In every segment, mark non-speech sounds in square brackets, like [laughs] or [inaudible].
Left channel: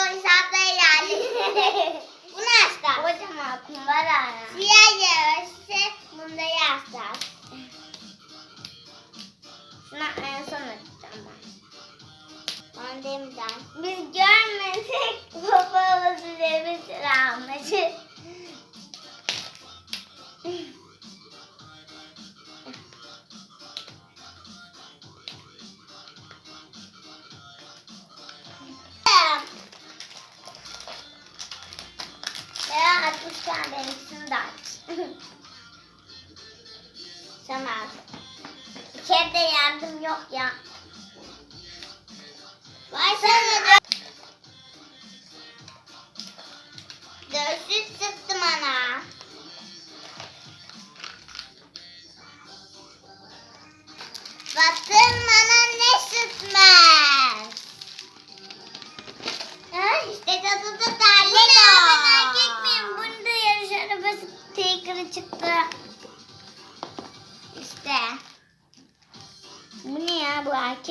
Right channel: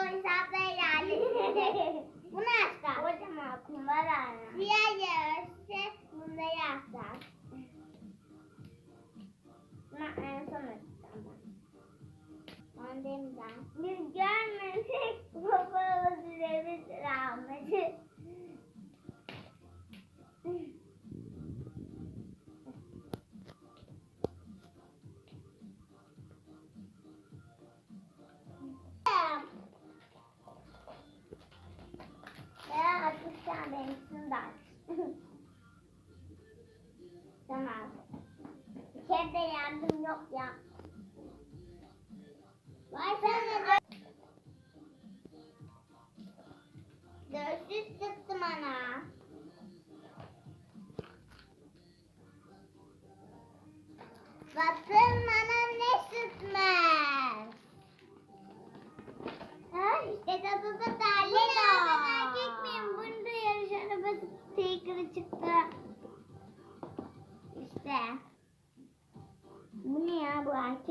oyuncakları yerleştirdik. Bunu [laughs] açtık. Kocaman kumbara. Siyah yarısı bunda yazlar. Şuna en son açacağım ben. Ben demeden. Biz görmedik [laughs] babamızı bir travmacı. Kere de yardım yok ya. Vay sana da. Göğsüz sıktım ana.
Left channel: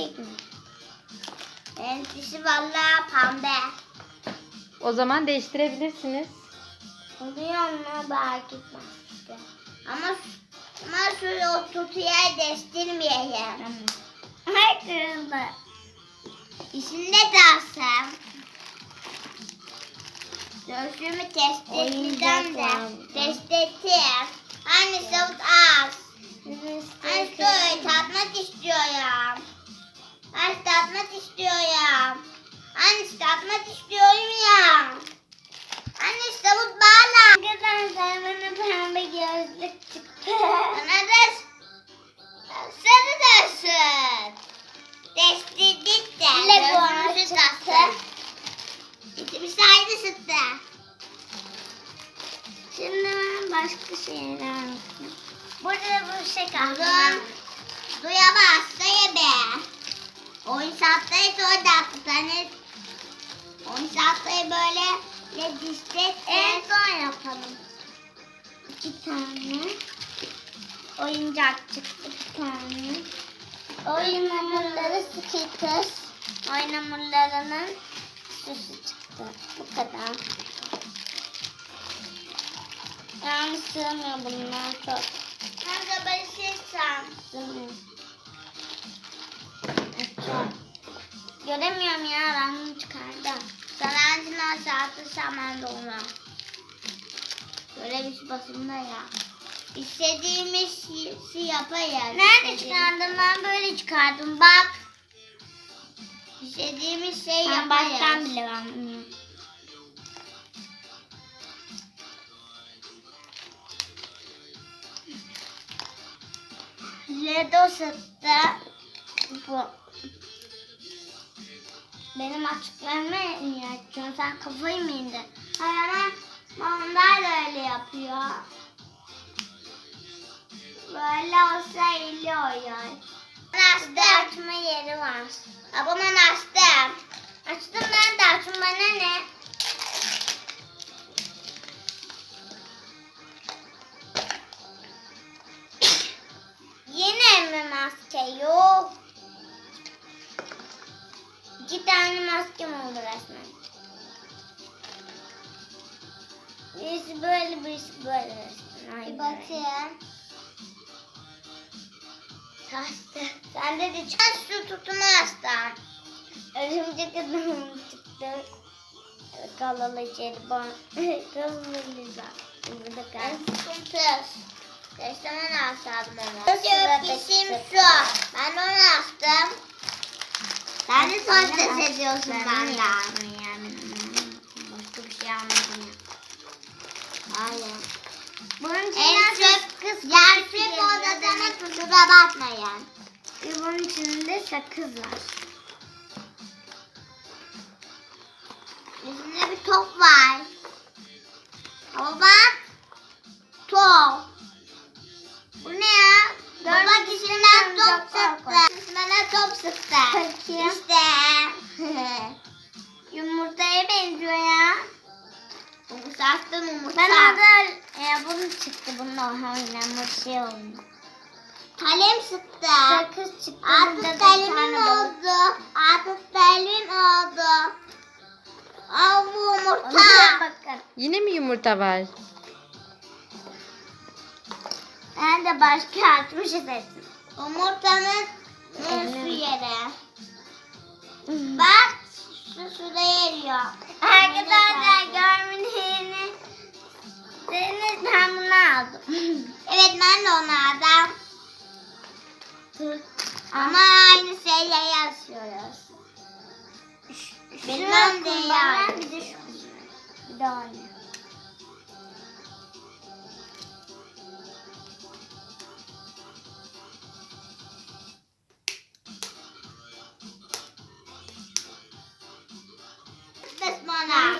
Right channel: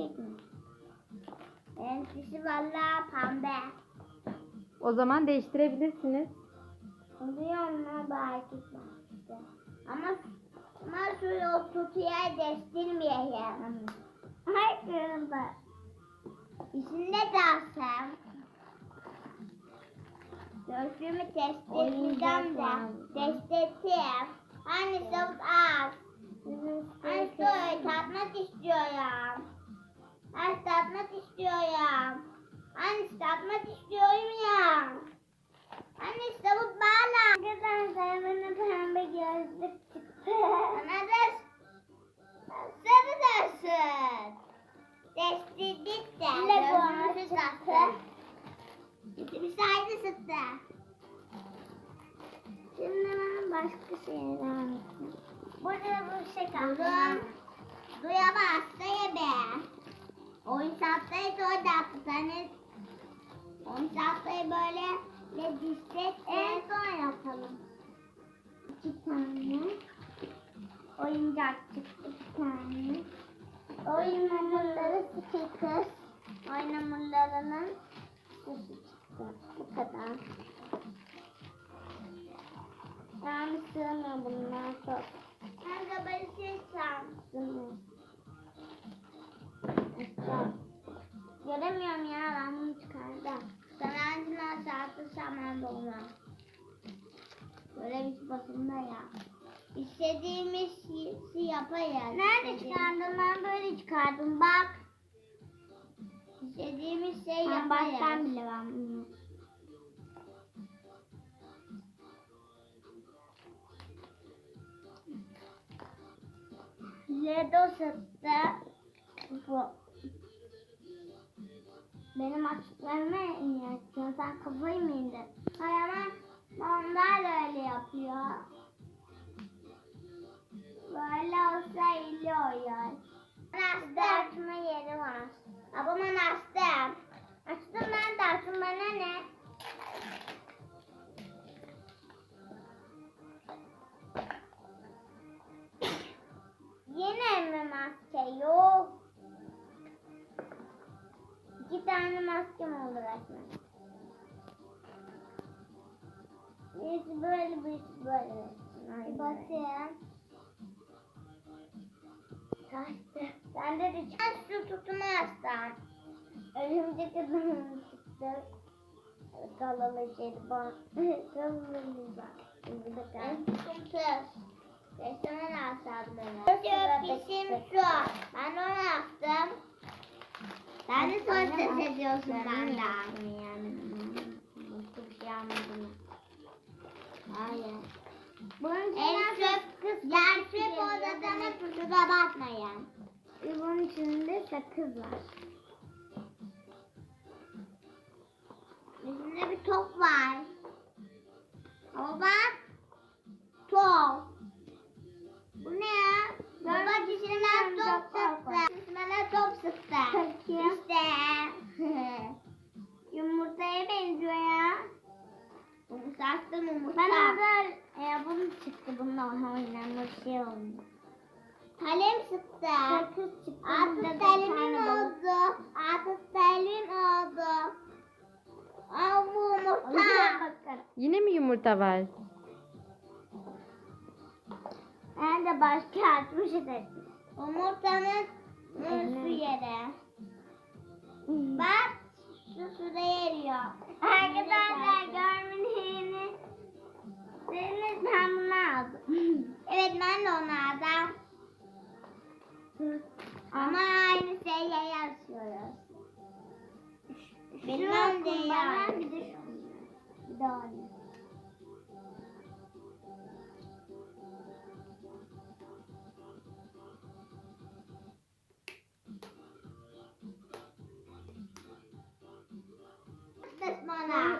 Mi? Benimkisi vallahi pembe. O zaman değiştirebilirsiniz. Oluyor mu erkek maske? Ama ama şöyle o tutuya değiştirmeyelim. Ay kırıldı. İçinde kalsam. Göğsümü test etmeden de test ettim. Anne savut az. Anne şöyle tatmak istiyorum atmak istiyorum. Anne işte atmak istiyorum ya. Anne işte bu bağla. Arkadaşlar bana pembe gözlük çıktı. Bana da sarı dersin. Destidik de. Lego'nu çıktı. İkimiz aynı çıktı. Şimdi ben başka şeyler anlatayım. Burada bu şey kaldı. Duyamazsa yeme. 10 saatteyi sonra da hastanız. 10 saatteyi böyle ne dişte en son yapalım. İki tane. Oyuncak çıktı bir tane. Oyun hamurları sıkıtır. Oyun hamurlarının süsü çıktı. Bu kadar. Yani sığmıyor bunlar çok. Kanka ben şey sığmıyor. Göremiyorum ya ben bunu çıkardım. Sanatçılar saati saman dolma. Böyle bir basımda ya. İstediğimiz şey yaparız. Nerede çıkardım ben böyle çıkardım bak. İstediğimiz şey Sen baştan yaparız. bile ben bunu. Ledo sıktı. Bu. Benim açıklarımı niye açıyorsun? Sen kafayı mı indin? Hayır ama onlar da öyle yapıyor. Böyle olsa iyi. Ben açtım. Açma yeri var. Ben açtım. Açtım ben de açtım bana ne? Maskem oldu resmen. Birisi böyle birisi böyle resmen. Ay Bir bakayım. Taştı. Sende de çıktı. Ben [laughs] şu tutumu açtım. Örümcek adamım çıktı. Kalalı jelibon. Kalalı liza. Burada kal. sıkıntı. Geçten açtım onu. Şu yapıyorsun? bizim şu. Ben onu açtım. Sen de son ses ediyorsun benden. Yani başka bir şey almadım ya. Hayır. Bunun En içinden çöp sakız yer çöp odasına kusura bakmayın. Ve bunun içinde sakız var. Üstünde bir top var. Ama bak. Top. Bu ne ya? Baba dişinden top sıktı. Üstüne top sıktı. Bakayım. İşte. [laughs] Yumurtaya benziyor ya. Umusattım Ben umusa. orada e, bunu çıktı. Bununla oynanmış şey oldu. Kalem sıktı. Sakız çıktı. Artık kalemim oldu. Artık kalemim oldu. Aa bu yumurta. bakın. Yine mi yumurta var? Ben de başka açmış seçtim. Yumurtanın su yeri. Bak şu suda eriyor. Arkadaşlar görmediğini Deniz ben bunu aldım. [laughs] Evet ben de onu aldım. Ama aynı şeyi yazıyoruz. Bilmem de yani. Bir de şu Bir de aynı.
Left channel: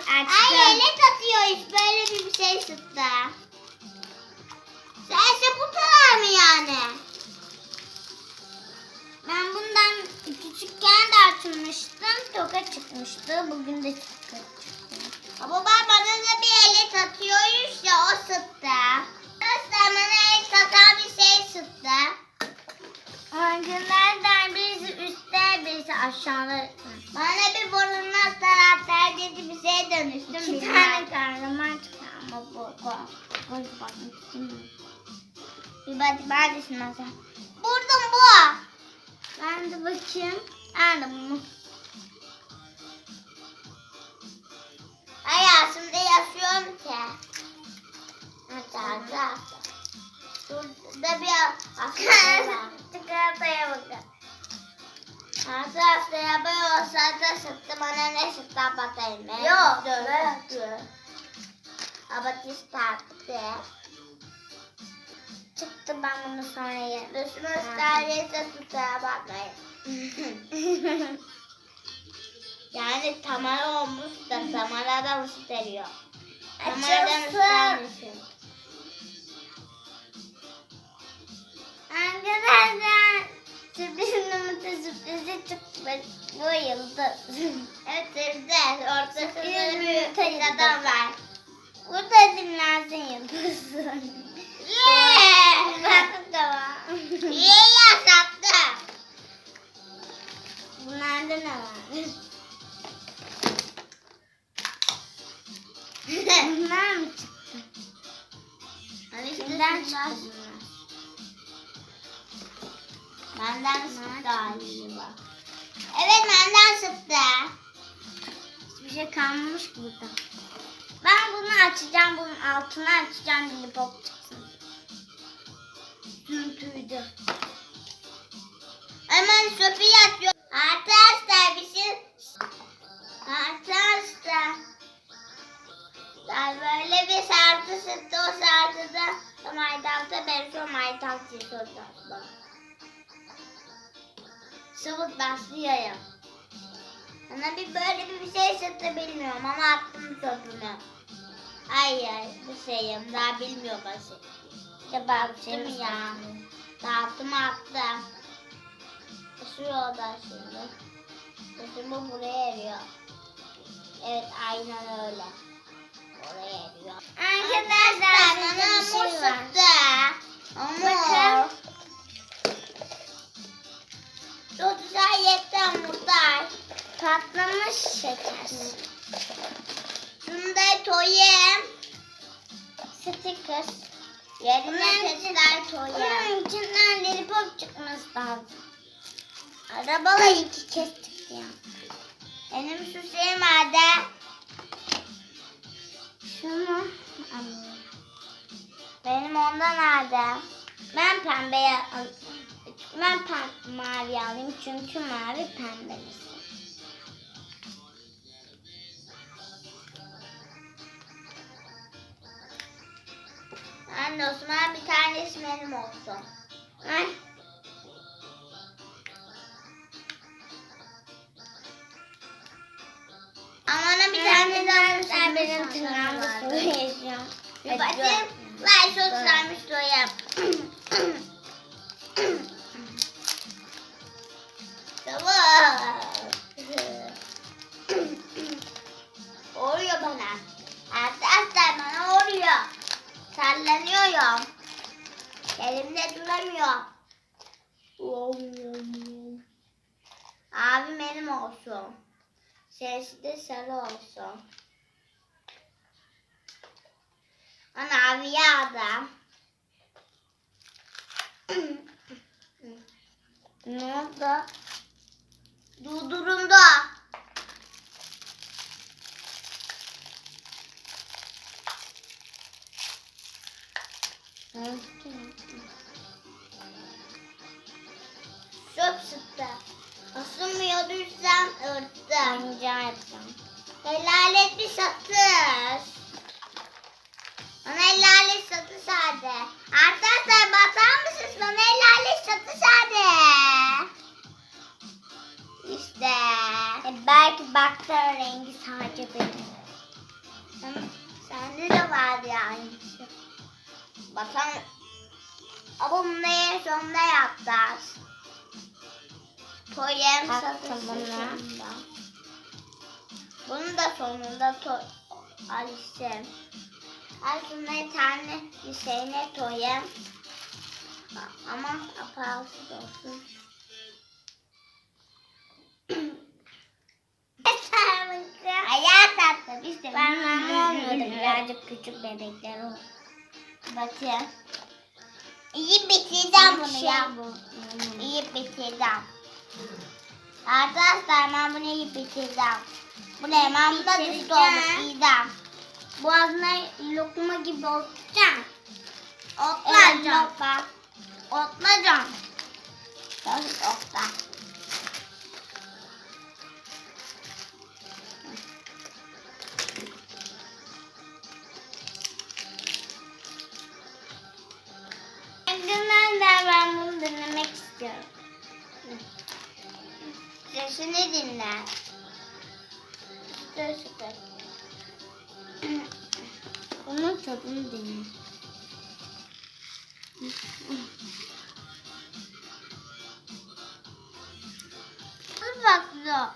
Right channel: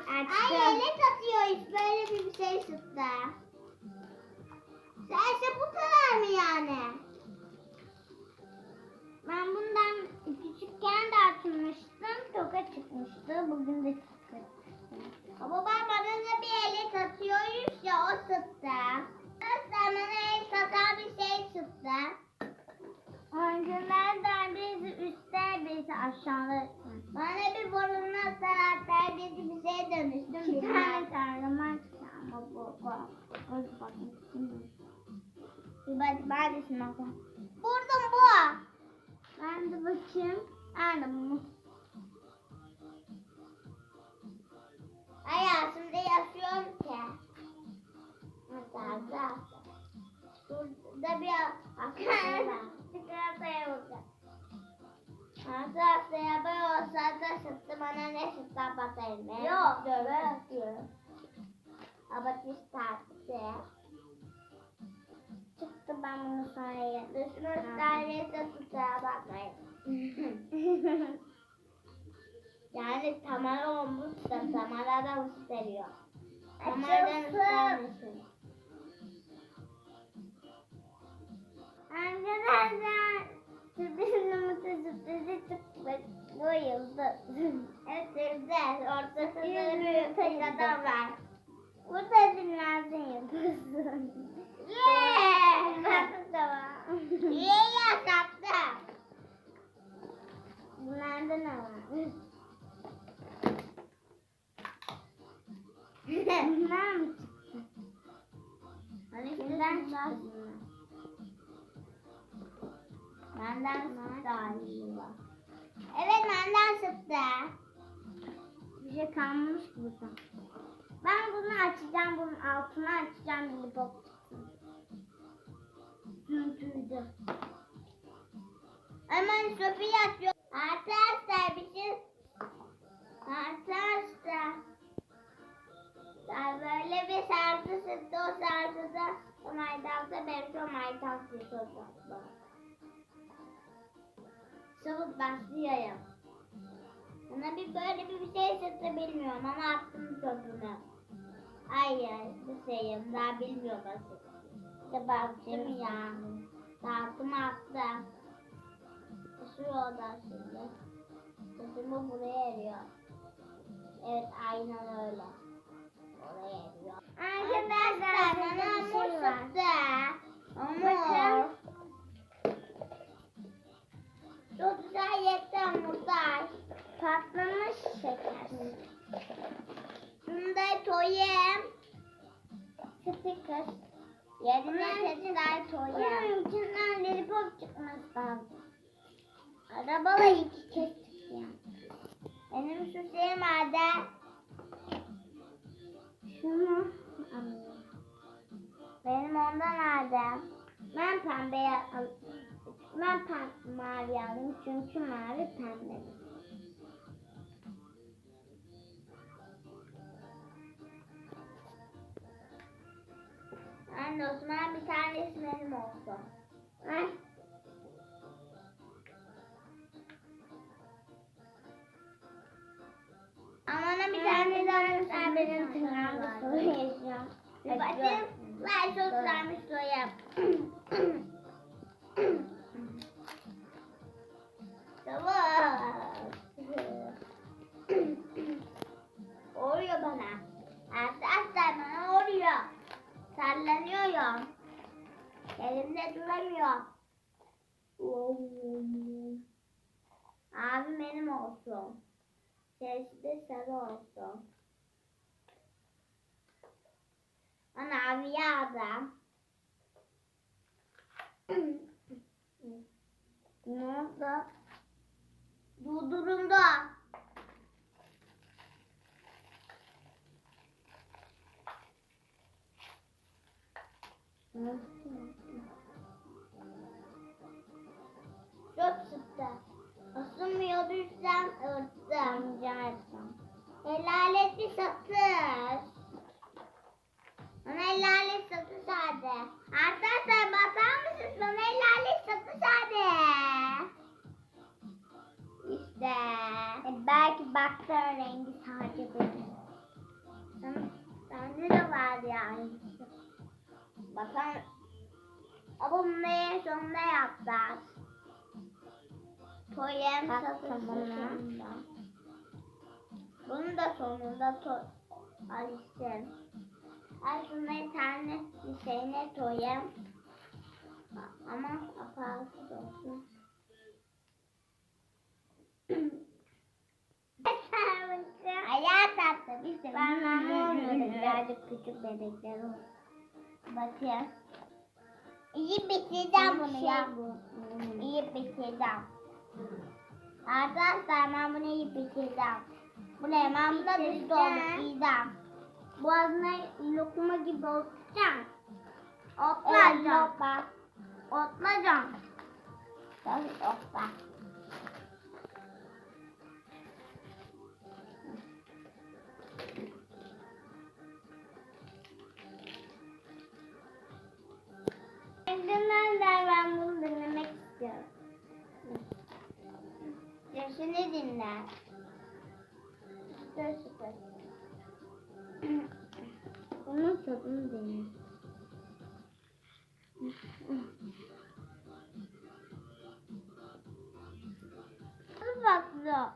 Açtım. Ay elet atıyor hiç böyle bir şey sıktı. Sense bu kadar mı yani? Ben bundan küçükken de açmıştım. Toka çıkmıştı. Bugün de çıktı. Ben bana da bir elet atıyoruz ya o sıktı. Arkadaşlar bana el katan bir şey sıktı. Arkadaşlar birisi üstte birisi aşağıda. Bana bir taraftar dedi bir şeye dönüştüm. Bilmem. tane kahraman çıktı ama bu bakmak istemiyorum. Bir bak neredesin sen? Buldum bu. Ben de bakayım. Aldım bunu. Hayatımda yaşıyorum ki. Hatta. Şurada bir var. [laughs] Çikolataya bakın. Hatta hastaya böyle olsaydı sıktı bana ne sıktı bakayım. Yok, Dur. Abatist taktı. Çıktı ben bunu sonra yerim. Düşmüş neredeyse tutuğa bakmayın. Yani Tamara olmuş da Tamara'dan ısıtıyor. Tamara'dan ısıtmışsın. Arkadaşlar sürprizin yumurta sürprizi çıktı. Bu yıldız. Evet sırdı. Ortasında Sürpriz bir adam var. Burada dinlensin yıldız. Hiçbir şey kalmamış ki burada. Ben bunu açacağım, bunun altını açacağım, bir pop çıksın. Sürtüydü. Hemen sopi atıyor. Arkadaşlar bir şey... Arkadaşlar. Böyle bir sardı sıktı o sardıda maydansa ben şu maydan çiziyordu. Sıvıt başlıyorum. Bana bir böyle bir şey sıktı bilmiyorum ama attım sopunu. Ay ay bu şeyim daha şey Değil mi mi ya? Dağıttım attım. Şu yolda şimdi. Sesimi buraya eriyor. Evet aynen öyle. Oraya eriyor. Arkadaşlar Yerine testler toyayım. Bunun içinden lollipop çıkması lazım. Arabalı iki kez çıktı ya. Benim şu şey nerede? Şunu alayım. Benim ondan nerede? Ben pembeye al. Ben pem mavi alayım çünkü mavi pembe. Anne o zaman bir tanesi benim olsun. Ay. Ama bir tane daha olsun. benim tırnağımda koyacağım. Bir bakayım. Ver çok güzelmiş doyum. [clears throat] Sallanıyorum. Elimde duramıyor. Abi benim olsun. Sesi de sarı olsun. Ana aviye adam. [clears throat] ne oldu? Durduruldu. Çöp sıktı. Asılmıyordu sen örttüm. Rica edeceğim. Helal et bir satış. Bana helal et satış hadi. Arkadaşlar bakar mısınız? Bana helal et satış hadi. İşte. E, belki baktığın rengi sadece benim. Sen- Sende de vardı yani. Bakan. Bunu en sonunda yapacağız. Toyem Bak, satışı tamam ya. sonunda. Bunun da sonunda to Alice'm. Aslında tane Hüseyin'e toyem. Ama apalsız olsun. [laughs] Hayat tatlı biz de bilmiyorum. anlamıyorum. Birazcık küçük bebekler olur. Bakayım. İyi bitireceğim bunu ya. Hmm. İyi bitireceğim. Arkadaşlar ben bunu iyi bitireceğim. Bu ne? Ben buna düştü olduk. İyiden. Boğazına lokma gibi otacağım. Evet, Otlayacağım. lokma. Otlayacağım. Tabii okta. Sesini dinle. Dur süper. Onun tadını denemek. Dur baklı.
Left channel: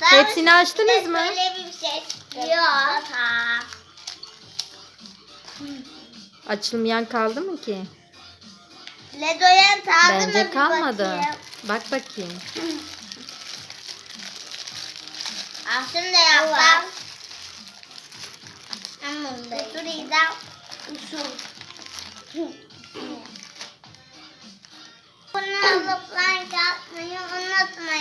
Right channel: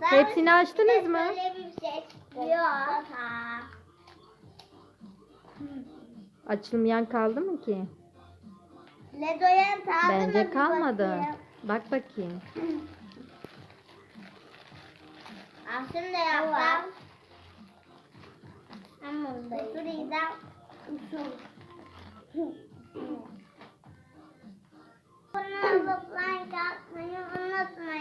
Hepsini açtınız mı? Böyle bir şey çıktı. Yok. Açılmayan kaldı mı ki? Ledoyan tadı mı Bence kalmadı. bakayım. Bak bakayım. Aslında Dur İdem. Usul. Bunu like atmayı unutmayın.